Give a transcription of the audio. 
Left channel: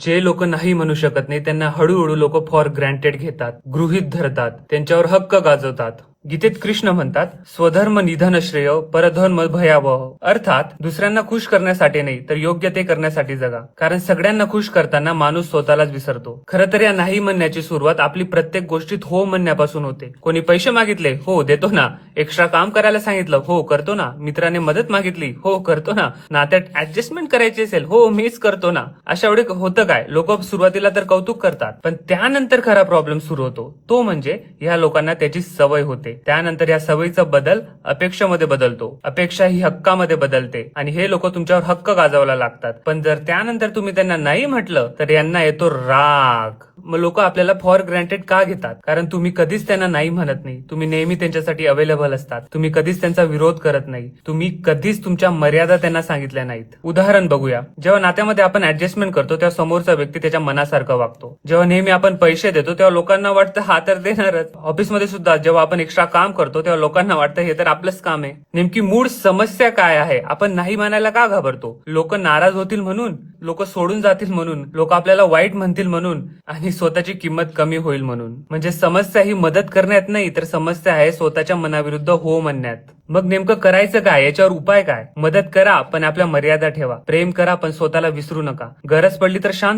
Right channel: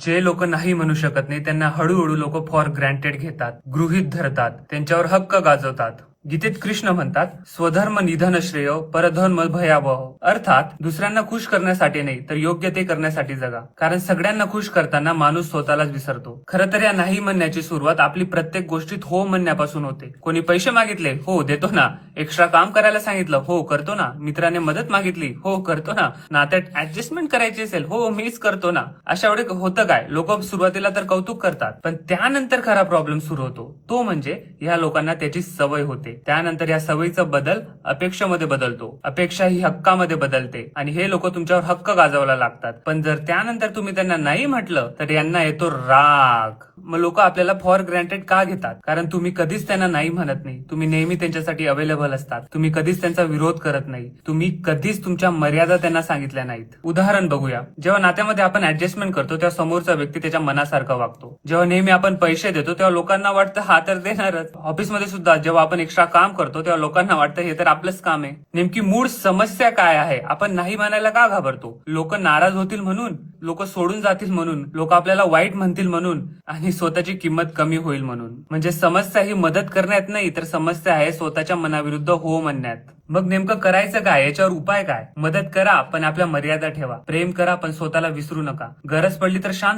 जे लोक नाही म्हणू शकत नाही त्यांना हळूहळू लोक फॉर ग्रँटेड घेतात, गृहीत धरतात, त्यांच्यावर हक्क गाजवतात. गीतेत कृष्ण म्हणतात, स्वधर्म निधन श्रेय परधर्म भयावह. अर्थात दुसऱ्यांना खुश करण्यासाठी नाही तर योग्य ते करण्यासाठी जगा. कारण सगळ्यांना खुश करताना माणूस स्वतःलाच विसरतो. खरं तर या नाही म्हणण्याची सुरुवात आपली प्रत्येक गोष्टीत हो म्हणण्यापासून होते. कोणी पैसे मागितले, हो देतो ना. एक्स्ट्रा काम करायला सांगितलं, हो करतो ना. मित्राने मदत मागितली, हो करतो ना. नात्यात ऍडजस्टमेंट करायची असेल, हो मीच करतो ना. अशा वेळी होतं काय, लोक सुरुवातीला तर कौतुक करतात, पण त्यानंतर खरा प्रॉब्लेम सुरू होतो. तो म्हणजे या लोकांना त्याची सवय होते. त्यानंतर या सवयीचा बदल अपेक्षेमध्ये बदलतो. अपेक्षा ही हक्कामध्ये बदलते आणि हे लोक तुमच्यावर हक्क गाजवायला लागतात. पण जर त्यानंतर तुम्ही त्यांना नाही म्हटलं तर यांना येतो राग. मग लोक आपल्याला फॉर ग्रँटेड का घेतात? कारण तुम्ही कधीच त्यांना नाही म्हणत नाही. तुम्ही नेहमी त्यांच्यासाठी अवेलेबल असतात. तुम्ही कधीच त्यांचा विरोध करत नाही. तुम्ही कधीच तुमच्या मर्यादा त्यांना सांगितल्या नाहीत. उदाहरण बघूया. जेव्हा नात्यामध्ये आपण ऍडजस्टमेंट करतो तेव्हा समोरचा व्यक्ती त्याच्या मनासारखं वागतो. जेव्हा नेहमी आपण पैसे देतो तेव्हा लोकांना वाटतं हा तर देणारच. ऑफिसमध्ये सुद्धा जेव्हा आपण एक्स्ट्रा काम करतो तेव्हा लोकांना वाटतं हे तर आपलंच काम आहे. नेमकी मूळ समस्या काय आहे? आपण नाही म्हणायला का घाबरतो? लोक नाराज होतील म्हणून, लोक सोडून जातील म्हणून, लोक आपल्याला वाईट म्हणतील म्हणून आणि स्वतःची किंमत कमी होईल म्हणून. म्हणजे समस्या ही मदत करण्यात नाही तर समस्या आहे स्वतःच्या मनाविरुद्ध हो म्हणण्यात. मग नेमकं करायचं काय? याच्यावर उपाय काय? मदत करा पण आपल्या मर्यादा ठेवा. प्रेम करा पण स्वतःला विसरू नका. गरज पडली तर शांत